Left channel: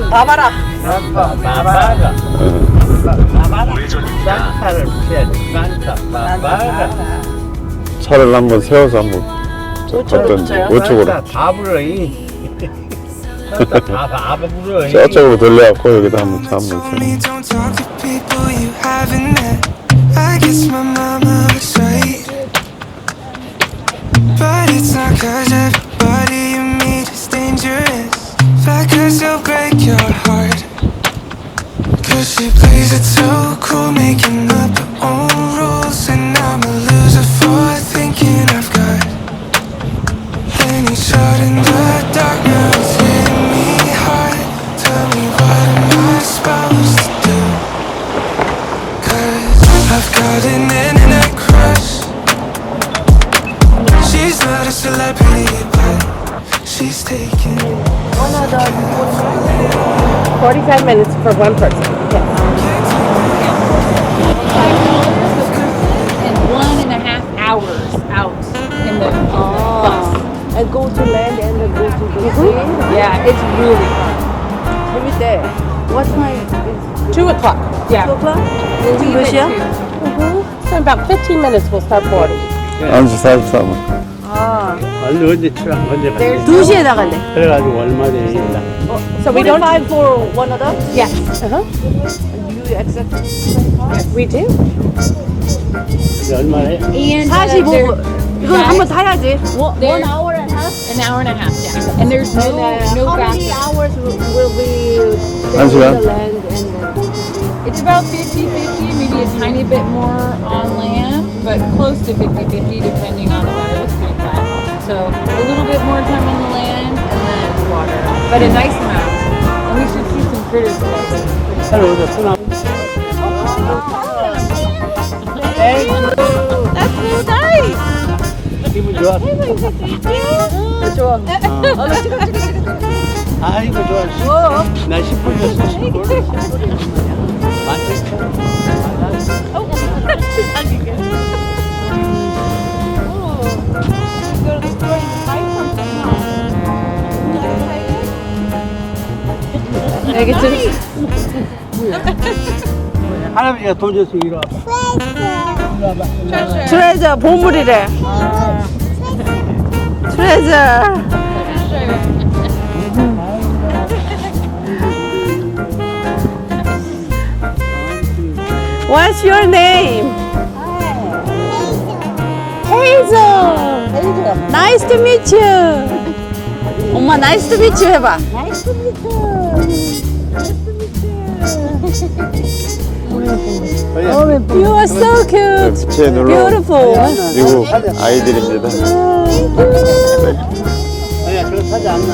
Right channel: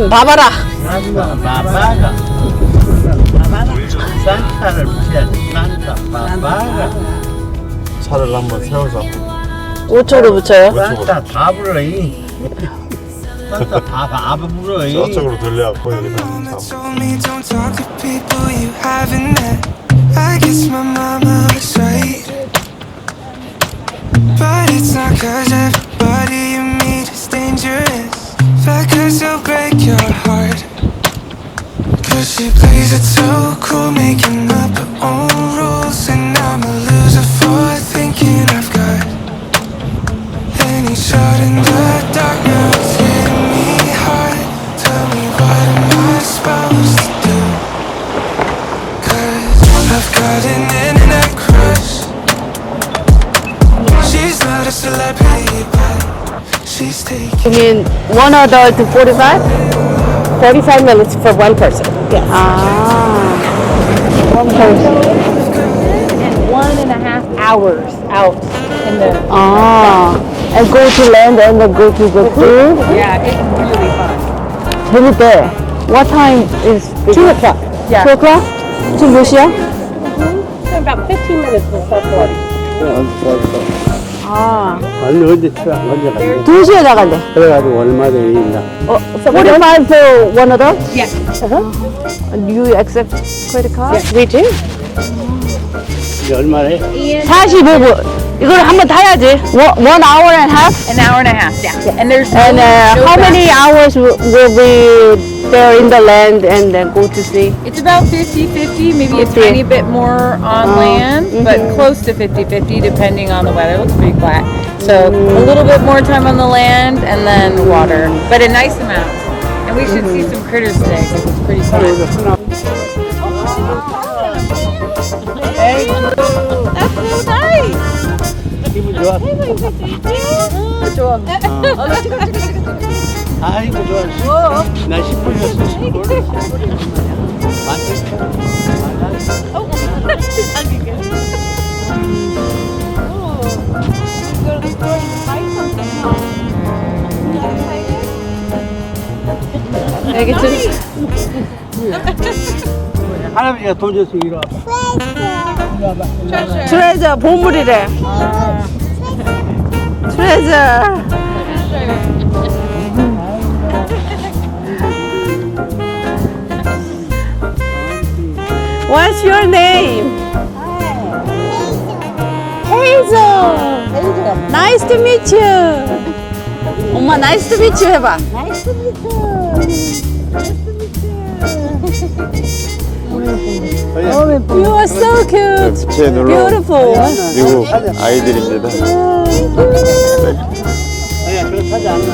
싼바바라. 싼타바바라. 싼타를 붙여야지. 싼타바바라. 차를 한번 세워서 한번. 우측으로 붙여요? 우측으로. 싼타바바라. 싼타바바라. 저쪽으로 돌려갖고 여기다 한번 차 Told 한번. me don't talk to people you haven't met. I guess my mama was right, but it's not 'cause everybody you meet is dangerous. Fact 'cause they'll break your heart. 'Cause she plays it so cool, making up her own rules, and I'm a loser for thinking I've got any shot in the dark. Now it's hitting me hard. Tell me what am I supposed to do? 'Cause I've got an internet crush. She's not a celebrity, but she's taking. You mean one adult 45? 45 minutes for one person. Yes. One person. And 1.5 hours out in the. And go to land and then go to the pool. Yeah, it's really fun. 재밌대. What time is 2 o'clock. 2 Yeah. o'clock? 지금 몇 시야? In about 15 minutes we'll stop boarding. 안지 싸. 언제 출항 언제 가냐? 2시에 나간대. 그래가지고 얼마 전에 45 for one adult? Yeah. Do you accept credit card? Yes, we do. 얼마래? 45분. 이걸 한번 타야지. 1 hour and a half? An hour and a half, yeah. And there's And no how many hours will we there in the land and then go to sea? It's about 50-50, maybe a 50. tiny bit more on land, but close to 50-50 depending on the weather. It's pretty flat. So a little bit more time on the land and then water, but a nice amount. And we should see some critters today. It's pretty cool. That's so nice. 기분 좋아. 좋아. 나 찍어. 아이고 좋아. 나 10분이었어 10분. 애기 들 할아버지가 돈 줬어 이리 와. 트레저 보물이래. 트레저. What's your name? Hazel. Nice to meet you. 엄마 nice to meet you 해봐. Nice to meet you. Nice to meet you. You are so cute. 부채 눌러. Beautiful. 미국 아이들입니다. 아니야 저거 타지 않나.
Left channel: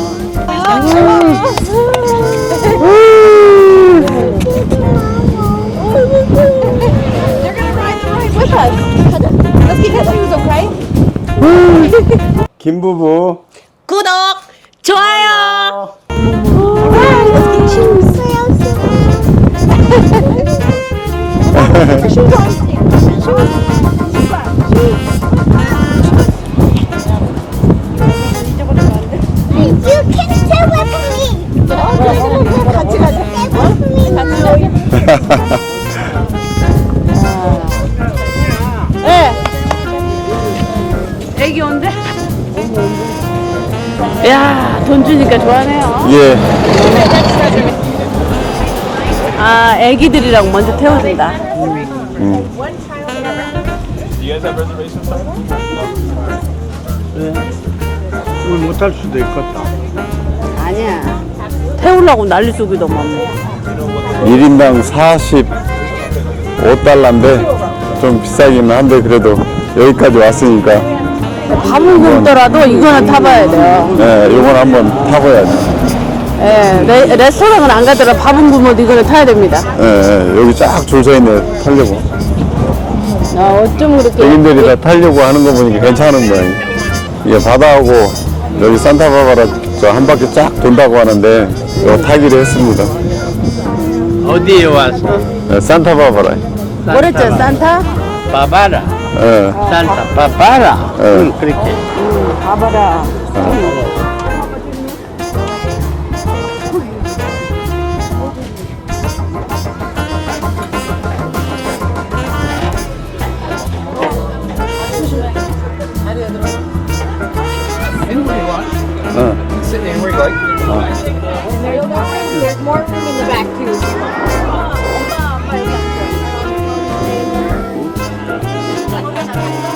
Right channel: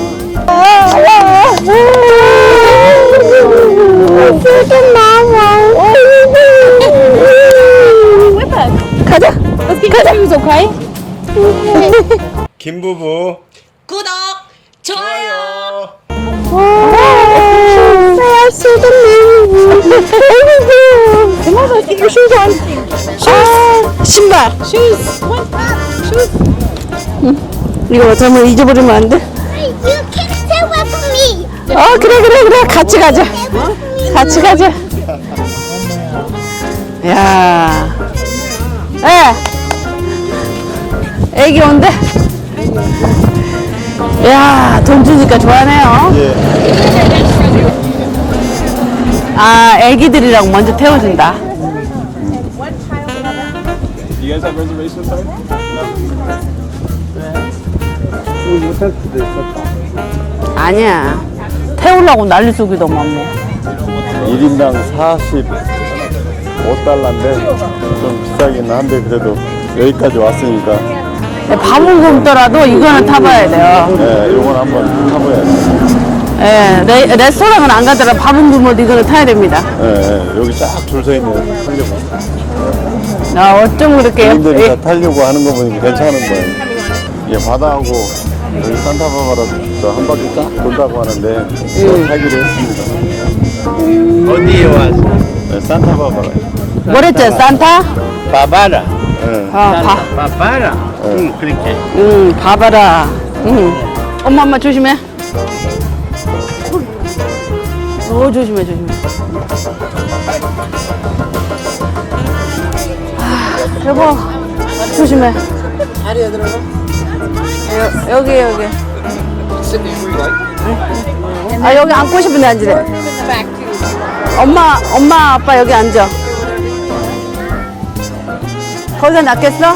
가자. 가자. 김부부. 구독, 좋아요. 신발. 이거 어쩌면 잊어버리면 안 돼? You can tell it for me. 그래. 같이 가자. 같이 가자. 야. 애기 온대. 야, 돈 주니까 좋아하네요. 예. 아, 애기들이랑 먼저 태워준다. 못할 수도 있겠다. 아니야. 태우려고 난리 속이도 없네. 1인당 45달러인데 좀 비싸긴 한데 그래도 여기까지 왔으니까 밥은 굶더라도 이거는 타봐야 돼요. 네, 이건 한번 타봐야죠. 예, 레스토랑은 안 가더라도 밥은 굶어도 이거는 타야 됩니다. 네, 여기 쫙 줄 서 있네 타려고. 아, 어쩜 그렇게. 본인들이 다 타려고 하는 거 보니까 괜찮은 거예요. 예, 바다하고 여기 산타바바라 저 한 바퀴 쫙 돈다고 하는데 이거 타기로 했습니다. 어디에 와서? 네, 산타바바라. 뭐랬죠? 산타? 바바라. 예. 바바라. 응 그렇게. 가봐라. 엄마 조심해. 조심해. 여보, 조심해. 여기. 아, 여기 앉고 싶은데 앉으래. 엄마, 아빠 여기 앉아. 거기가 낫겠어?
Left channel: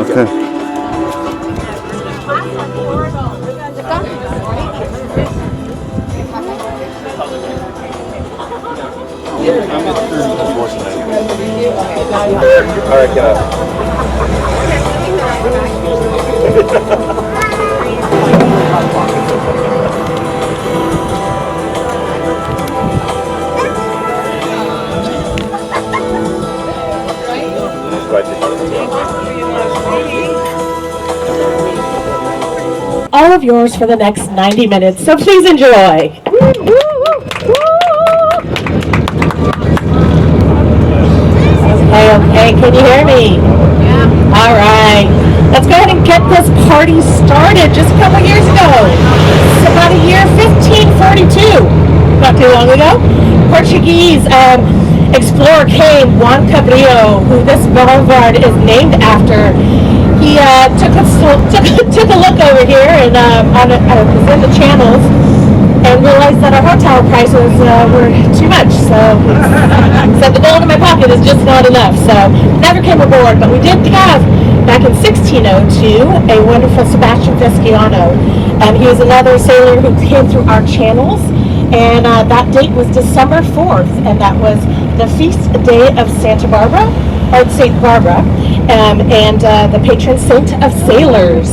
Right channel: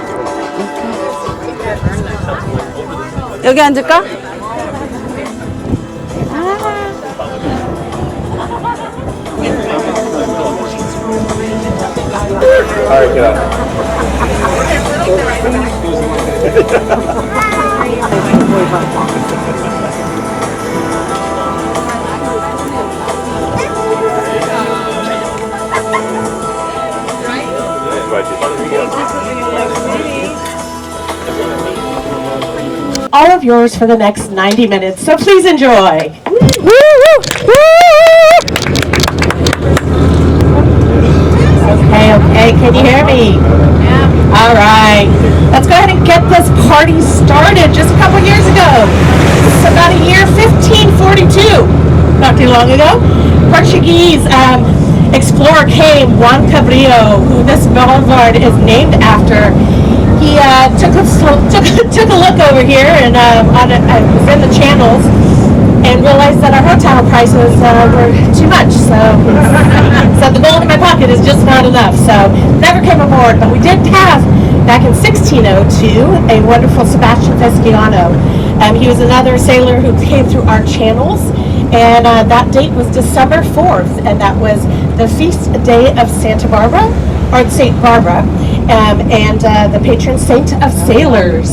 오케이. 여기 앉을까? All of yours for the next 90 minutes, so please enjoy. Okay, can you hear me? Yeah. All right. Let's go ahead and get this party started. Just a couple years ago, it's about a year 1542, not too long ago, Portuguese explorer came, Juan Cabrillo, who this boulevard is named after. He took a look over here and was in the channels and realized that our hotel prices were too much. So the gold in my pocket is just not enough. So never came aboard, but we did have back in 1602 a wonderful Sebastian Vesciano. He was another sailor who came through our channels, and that date was December 4th, and that was the feast day of Santa Barbara, or St. Barbara, and the patron saint of sailors.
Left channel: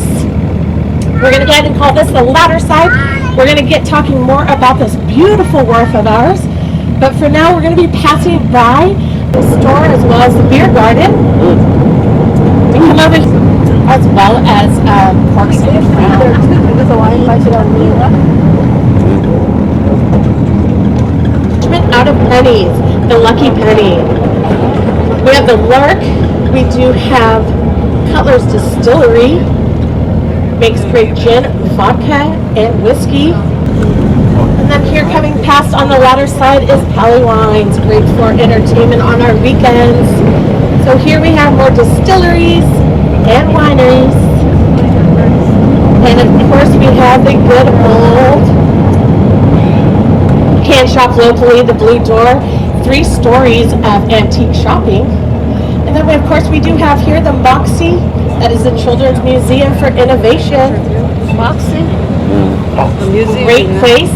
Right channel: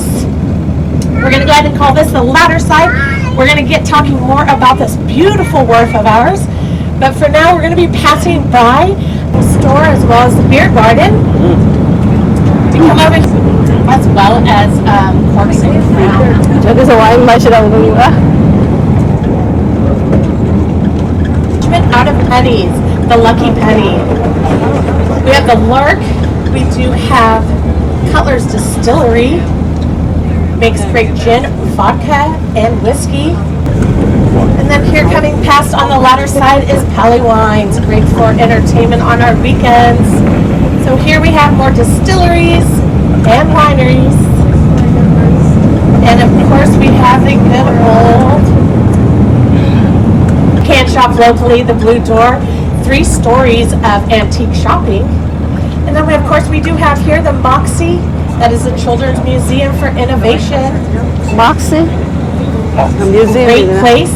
We're going to go ahead and call this the ladder side. We're going to get talking more about this beautiful wharf of ours, but for now we're going to be passing by the store as well as the beer garden. We come over as well as Corks and Crown. 여기서 와인 마시러 오는 거야? Out of pennies, the lucky penny. We have the Lark. We do have Cutler's Distillery. Makes great gin, vodka, and whiskey. And then here coming past on the ladder side is Pally Wines, great for entertainment on our weekends. So here we have more distilleries and wineries. And of course we have the good old can shop locally, the Blue Door, 3 stories of antique shopping. And then of course we do have here the Moxie, that is the Children's Museum for Innovation. Moxie? The museum. Great place.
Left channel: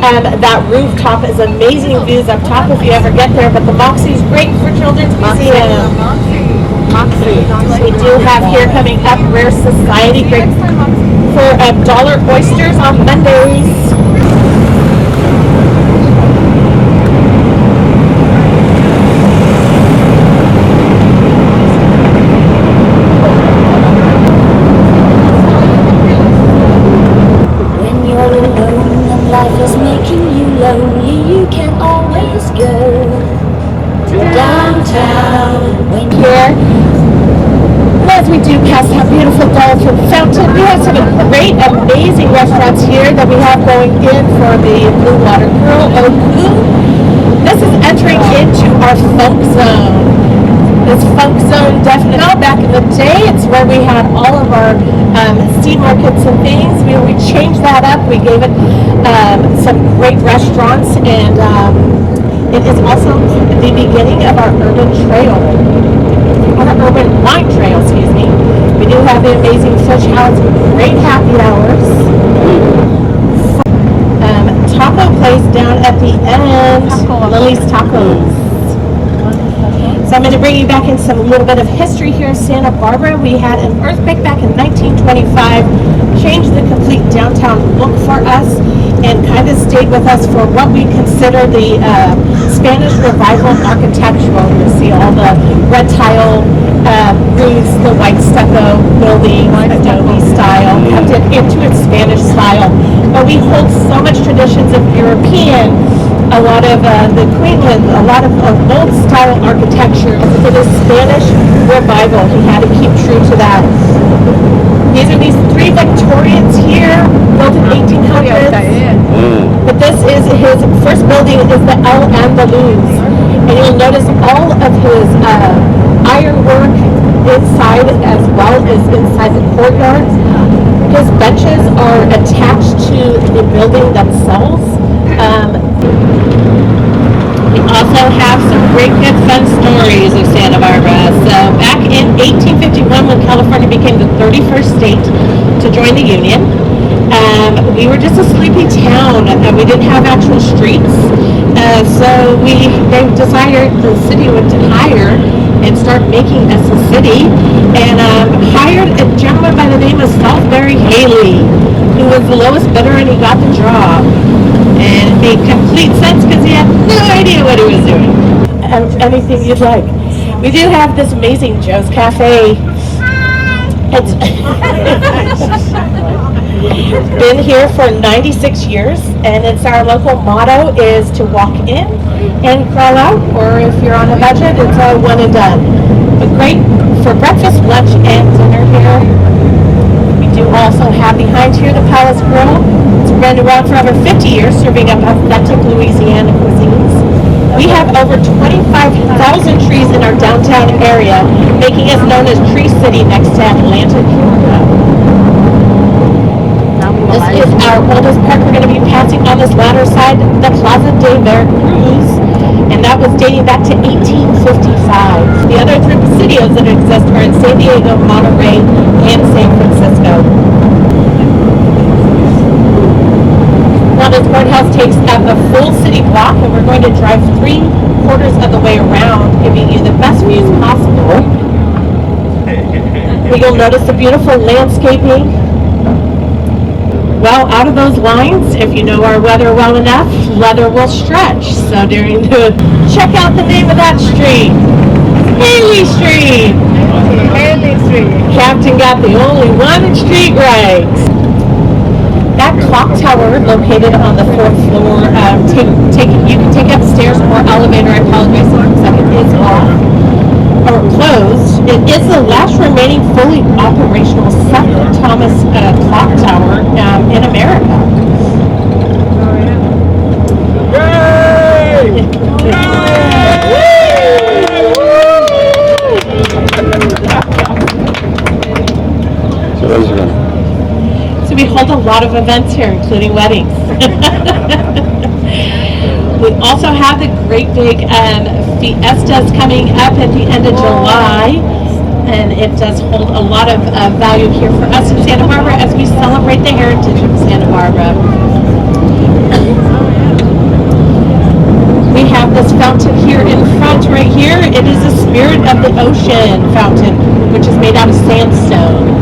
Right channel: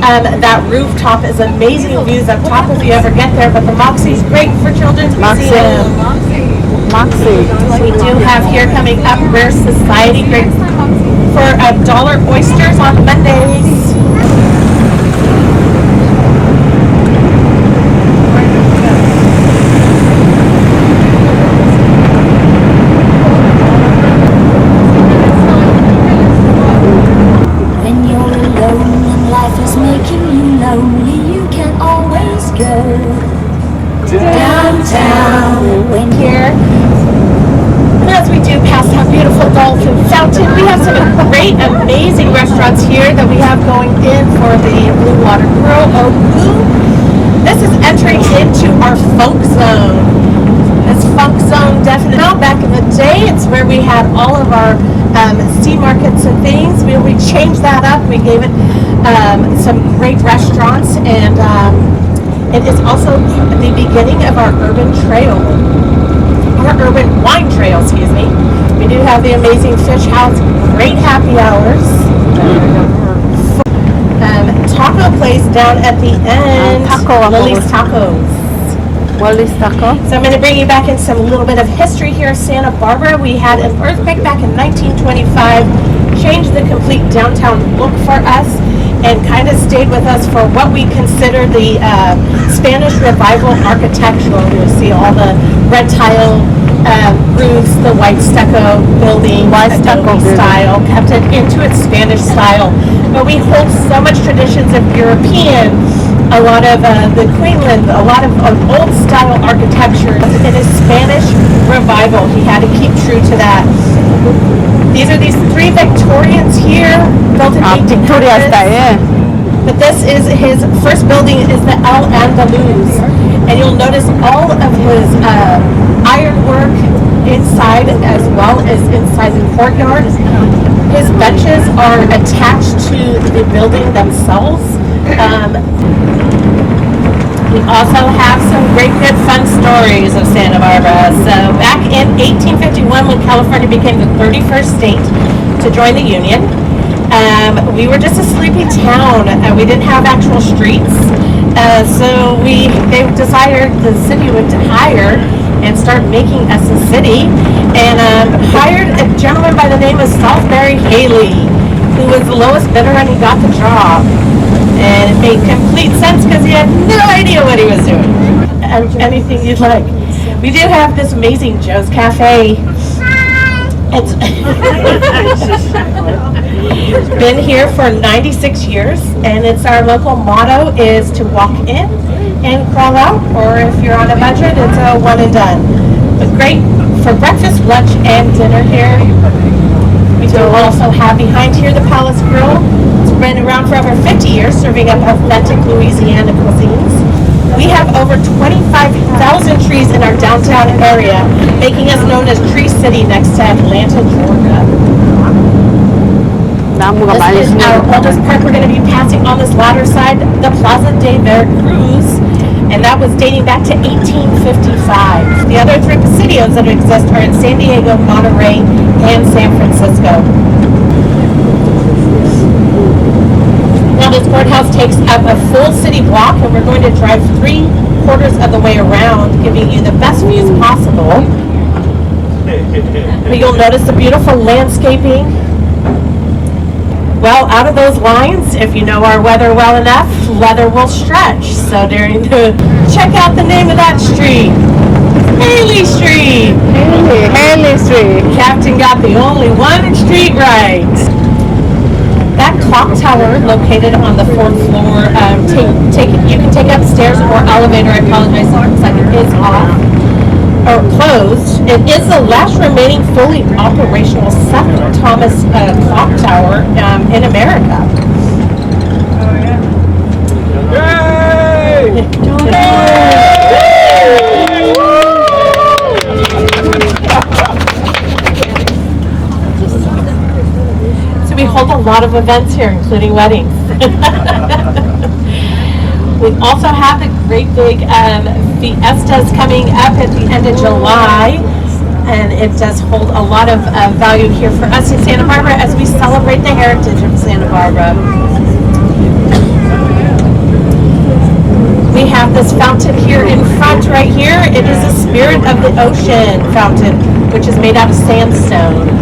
That rooftop is amazing views up top if you ever get there, but the Moxie is great for Children's Museum. Moxie. We do have here coming up Rare Society, great for dollar oysters on Mondays. When you're alone and life is making you lonely, you can always go downtown. When Here, as we do pass that beautiful dolphin fountain, we have some great, amazing restaurants here that we have going in for the Blue Water Grill. El Blue. This is entering into our funk zone. This funk zone definitely. Now, back in the day, it's where we had all of our sea markets and things. We changed that up. We gave it some great restaurants, and it is also the beginning of our urban trail. Our urban wine trail, excuse me. We do have the amazing fish house, great happy hours. Taco place down at the end, Lily's Tacos. Wally's Taco. So I'm going to bring you back in some little bit of history here. Santa Barbara, we had an earthquake back in 1925, changed the complete downtown look for us, and kind of stayed with us for what we consider the Spanish Revival architectural. You see all the red tile roofs, the white stucco building, Adobe style, kept it into its Spanish style. But we hold so much traditions of European a lot of the Queensland, a lot of old style architecture. In his Spanish revival, he had to keep true to that. These are these three Victorians here, built in 1800s. But this is his first building is the El Andaluz, and you'll notice all of his ironwork inside as well as inside the courtyard. His benches are attached to the building themselves. We also have some great good fun stories of Santa Barbara. So back in 1851, when California became the 31st state to join the Union, we were just a sleepy town. We didn't have actual streets. So they decided the city would hire and start making us a city, and hired a gentleman by the name of Salisbury Haley, who was the lowest bidder, and he got the job. And it made complete sense because he had no idea what he was doing. Anything you'd like. We do have this amazing Joe's Cafe. It's been here for 96 years, and it's our local motto is to walk in and crawl out, or if you're on a budget, it's a one and done. But great for breakfast, lunch, and dinner here. We do also have behind here the Palace Grill. It's been around for over 50 years, serving up authentic Louisiana cuisines. We have over 25,000 trees in our downtown area, making us known as Tree City next to Atlanta, Georgia. This is our oldest park. We're going to be passing on this latter side, the Plaza de Veracruz, and that was dating back to 1855. The other three presidios that exist are in San Diego, Monterey, and San Francisco. Now this courthouse takes up a full city block, and we're going to drive 3/4 of the way around, giving you the best views possible. You'll notice the beautiful landscaping. Well, out of those lines, if you know our weather well enough, leather will stretch. So check out the name of that street. Haley Street. Haley Street. Captain got the only one street right. That clock tower located on the 4th floor, you can take upstairs or elevator. I apologize, looks like it is off or closed. It is the last remaining fully operational St. Thomas clock tower in America. So we hold a lot of events here, including weddings. We also have the great big fiestas coming up at the end of July, and it does hold a lot of value here for us in Santa Barbara as we celebrate the heritage of Santa Barbara. We have this fountain here in front right here. It is the Spirit of the Ocean fountain, which is made out of sandstone.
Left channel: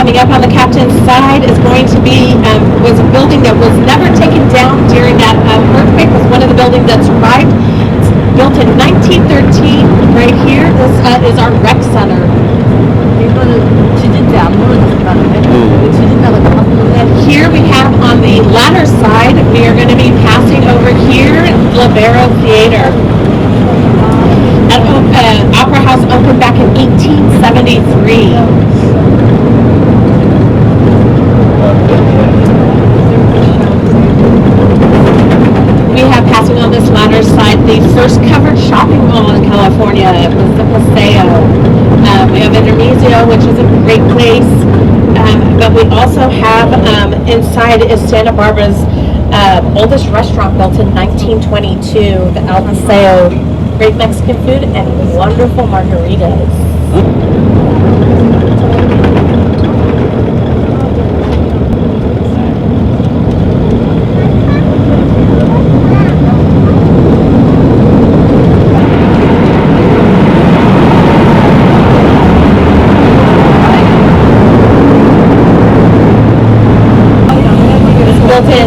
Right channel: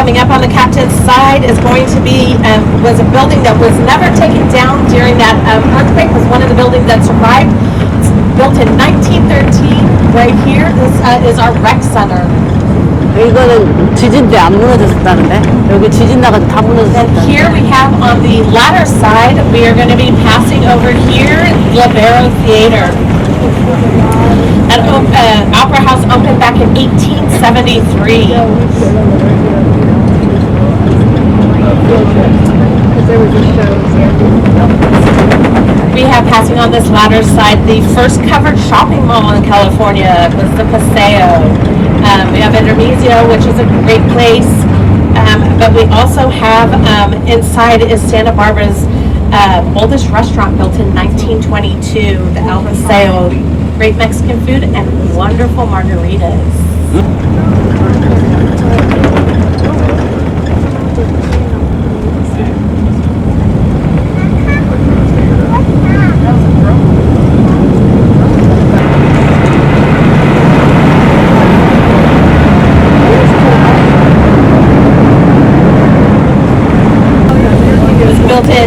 Coming up on the captain's side is going to be was a building that was never taken down during that earthquake. Was one of the buildings that survived. It's built in 1913. Right here, this is our rec center. 이거는 지진 때 안 무너졌다는데 여기 지진 나가 다 무너졌어. And here we have on the latter side, we are going to be passing over here Libero Theater. That opera house opened back in 1873. We have passing on this latter side the first covered shopping mall in California. It was the Paseo. We have Intermezzo, which is a great place. But we also have inside is Santa Barbara's oldest restaurant, built in 1922, the El Paseo. Great Mexican food and wonderful margaritas.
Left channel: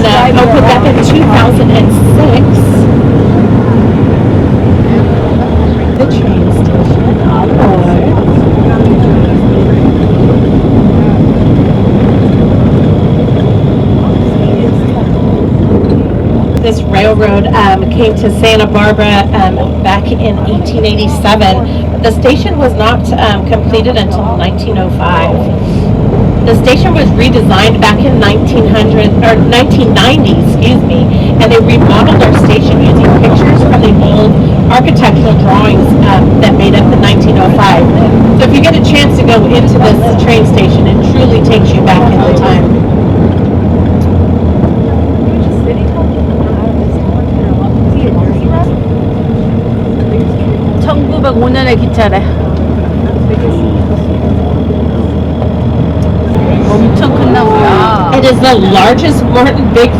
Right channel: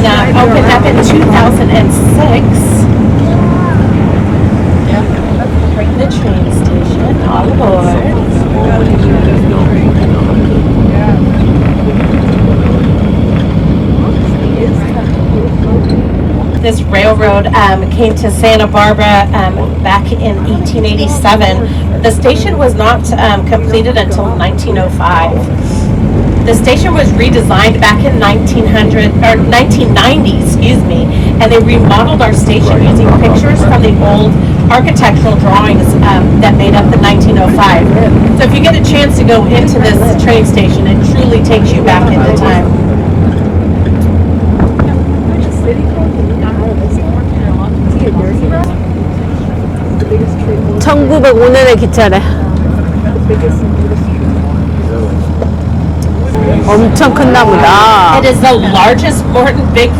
and opened up in 2006. The train station on board. This railroad came to Santa Barbara back in 1887. The station was not completed until 1905. The station was redesigned back in 1990, excuse me, and they remodeled our station using pictures from the old architectural drawings that made up the 1905. So if you get a chance to go into this train station, it truly takes you back into time. 1905년의 기차래. 엄청 큰 나무야. It is the largest Morton fig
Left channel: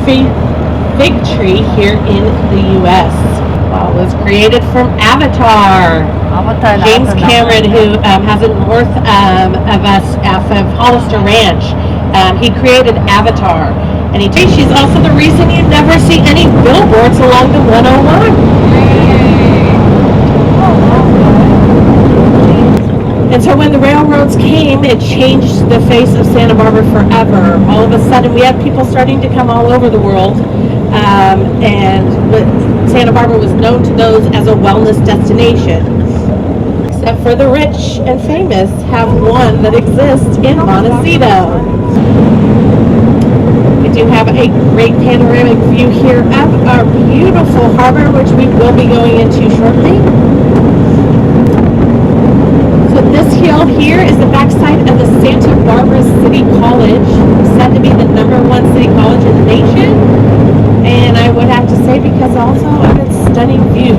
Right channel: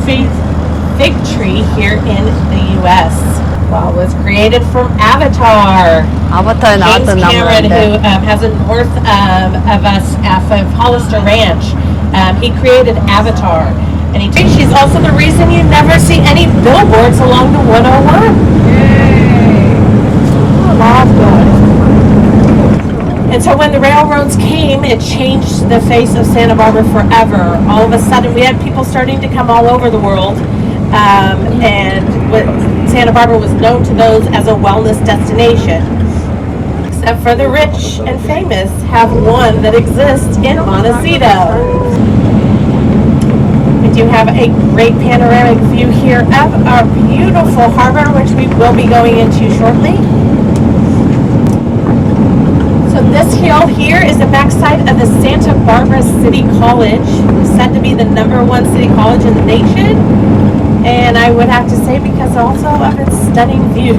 tree here in the U.S. Well, it was created from Avatar. 아바타에 James 나왔던 Cameron, who 나무인데. has a north of us off of Hollister Ranch, he created Avatar. And she's also the reason you never see any billboards along the 101. And so when the railroads came, it changed the face of Santa Barbara forever. All of a sudden, we had people starting to come all over the world. And Santa Barbara was known to those as a wellness destination. Except for the rich and famous have one that exists in Montecito. We do have a great panoramic view here of our beautiful harbor, which we will be going into shortly. So this hill here is the backside of the Santa Barbara City College, said to be the #1 city college in the nation. And I would have to say because also of its stunning views.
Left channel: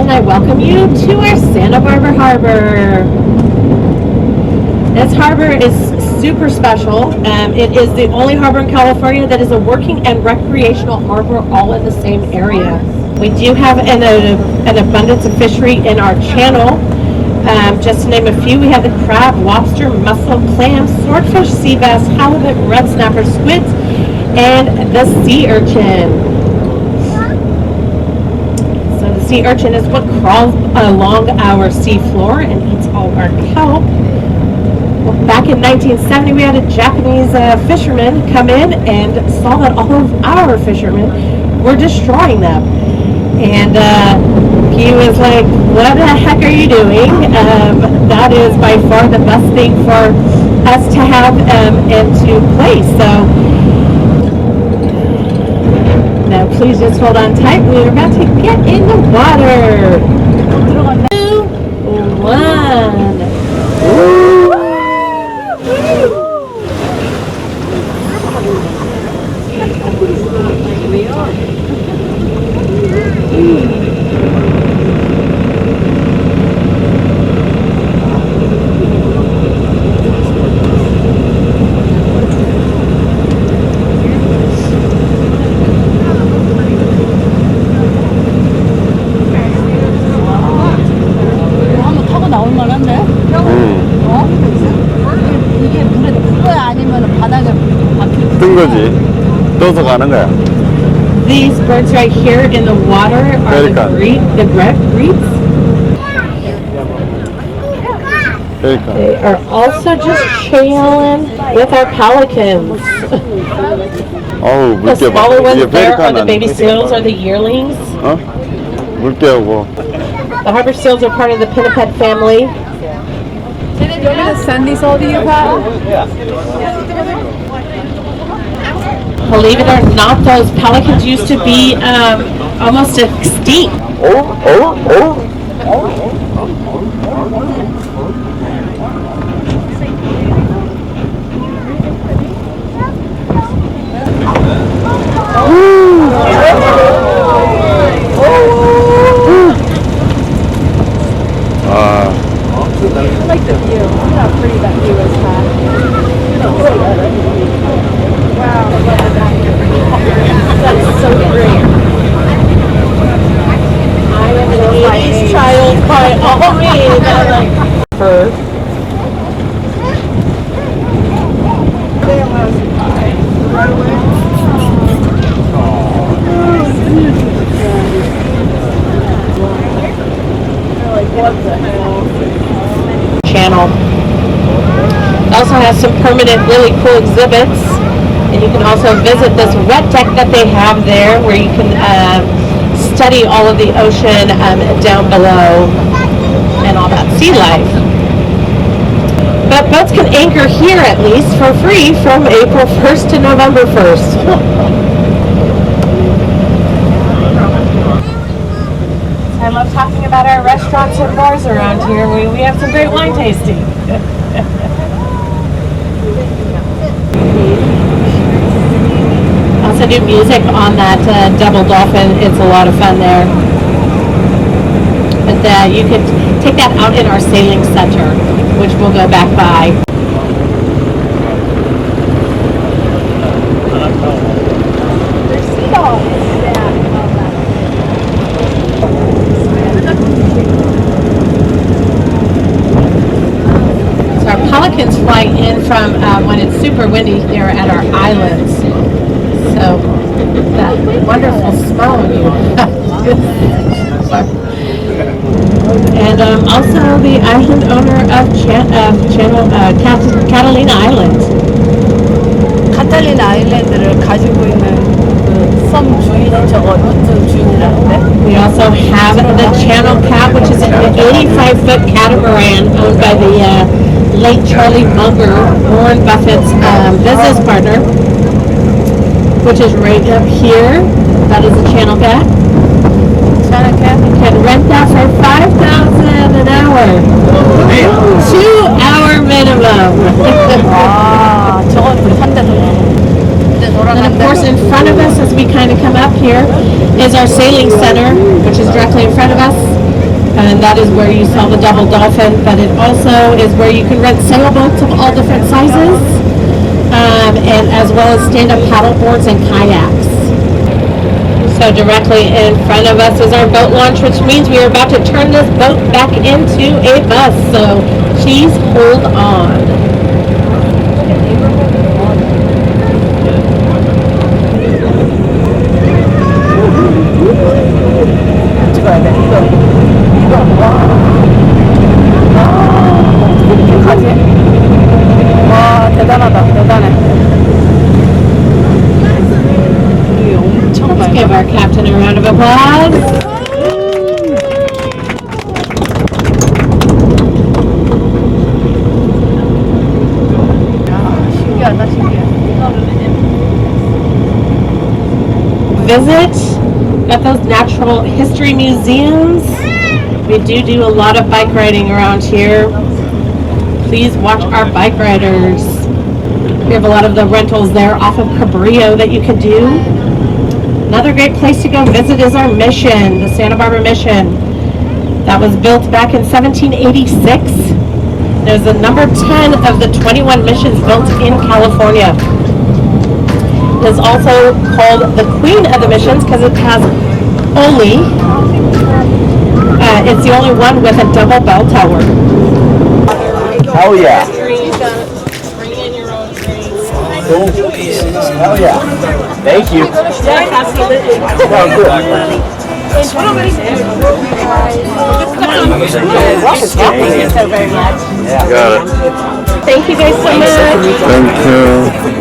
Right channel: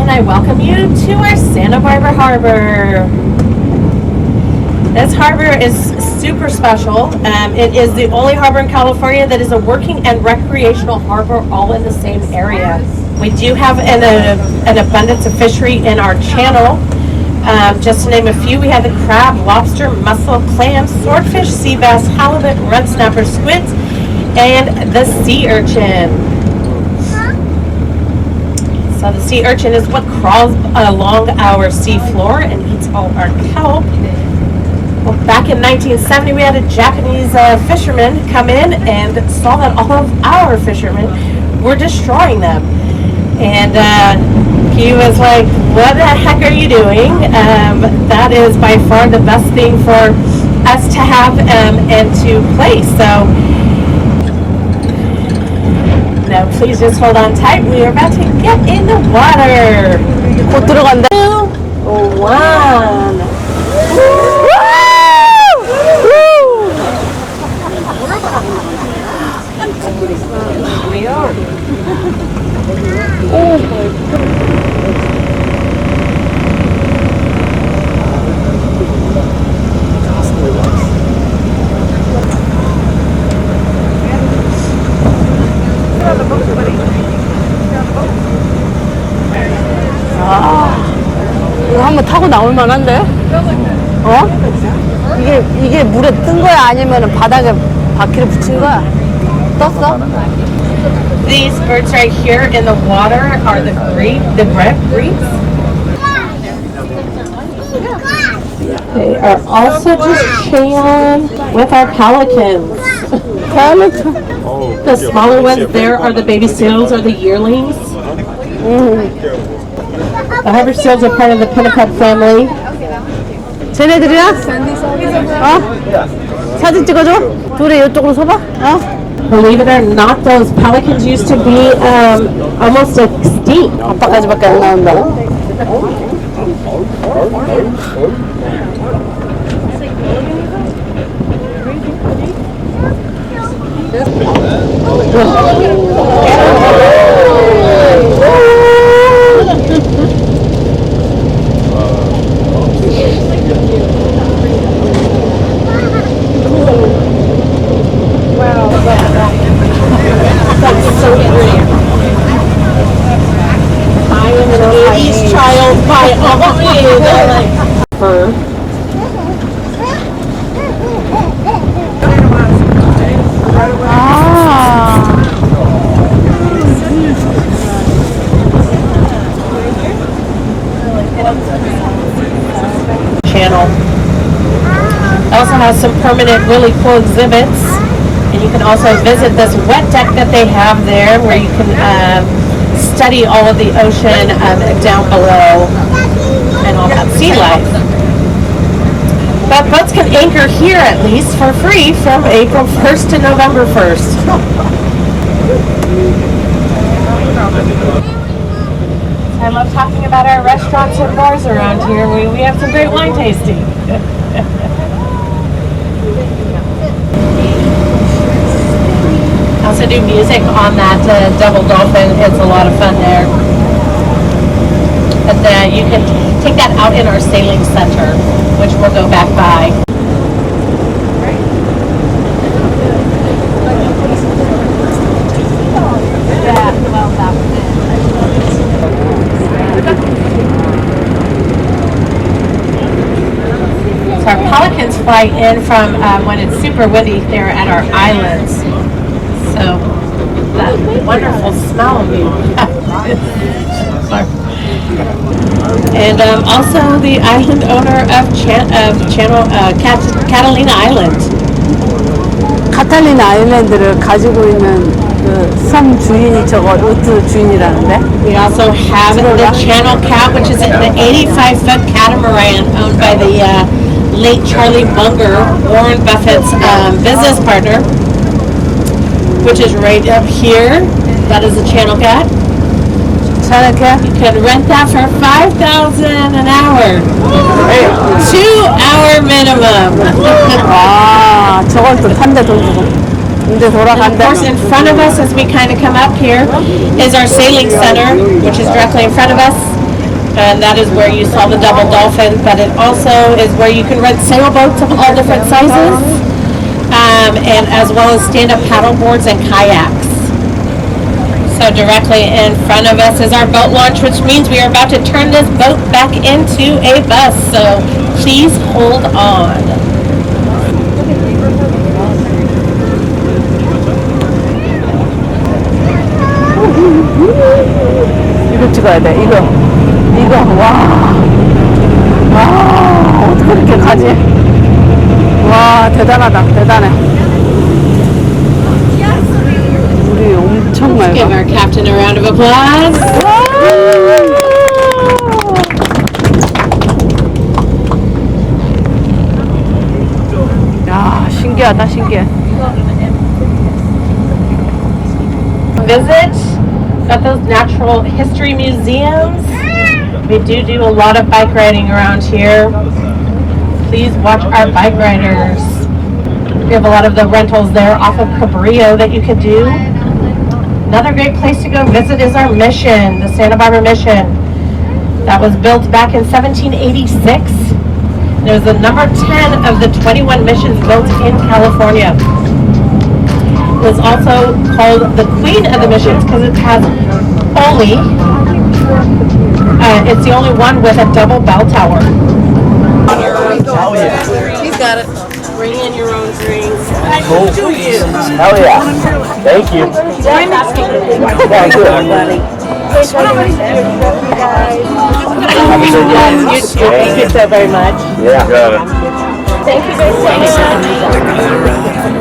And I welcome you to our Santa Barbara Harbor. This harbor is super special. It is the only harbor in California that is a working and recreational harbor all in the same area. We do have an abundance of fishery in our channel. Just to name a few, we have the crab, lobster, mussel, clam, swordfish, sea bass, halibut, red snapper, squids, and the sea urchin. So the sea urchin is what crawls along our sea floor and eats all our kelp. Well, back in 1970, we had a Japanese fisherman come in and saw that all of our fishermen were destroying them. And he was like, what the heck are you doing? That is by far the best thing for us to have and to play. So now please just hold on tight. We are about to get in the water. 곧 들어간다. 2, 1. 이거 한번 타고 나올 만한데? 어? 이게 물에 뜬 거야? 아니면 바닥에 바퀴를 뜬 붙인 거야? 거지. 떠서 가는 거야. These birds right here in the water are the grebes. They are also just chilling with our pelicans. 어우, The 물개 smaller ones there are the 페리칸 baby seals or the yearlings. 어? 물개 오고. The harbor seals are part of the pinniped family. 쟤네들이야? 샌디스 어디서 봐? 사진 찍어줘? 둘이 이쪽으로 서봐? 어? Believe it or not, those pelicans used to be almost extinct. 아빠까지밖에 안 나온다. I am an 80s child by all means. permanent, really cool exhibits. And you can also visit this wet deck that they have there where you can study all of the ocean down below and all that sea life. But boats can anchor here at least for free from April 1st to November 1st. I love talking about our restaurants and bars around here. We have some great wine tasting. Also do music on that double dolphin. It's a lot of fun there. But you can take that out in our sailing center, which we'll go back by. So our pelicans fly in from when it's super windy there at our islands. So that wonderful smell you and also the island owner of Catalina Island. 카탈리나 아일랜드를 가지고 있는 그 섬 주인이 저거 루트 주인이라는데. We also have the Channel Cat, which is an 85-foot catamaran owned by the late Charlie Munger, Warren Buffett's business partner, which is right up here. That is a Channel Cat. Channel Cat? You can rent that for $5,000 an hour. 2-hour minimum. 아, 저것도 한대도 이제 And of 돌아간다. course, in front of us, as we kind of come up here, is our sailing center, which is directly in front of us. And that is where you saw the double dolphin, but it also is where you can rent sailboats of all different sizes, and as well as stand-up paddleboards and kayaks. So directly in front of us is our boat launch, which means we are about to turn this boat back into a bus. So please hold on. 이거 찍어야 돼. 이거 와. 아, 어떻게 이렇게 가지? 와, 대단하다. 대단해. 우리 엄청 Let's give 맑아. our captain a round of applause. 야, 신기하다, 신기해. Visit. Got those natural history museums. We do a lot of bike riding around here. Please watch our bike riders. We have a lot of the rentals there off of Cabrillo that you could do. Another great place to go visit is our mission, the Santa Barbara Mission. That was built back in 1786. It was the number 10 of the 21 missions built in California. It is also called the Queen of the Missions because it has only, it's the only one with a double bell tower. Hell yeah. You gotta bring in your own drinks. Cool. Hell yeah. Thank you. Sounds good. Thank you so very much. Yeah. Thank you guys so much. Thank you.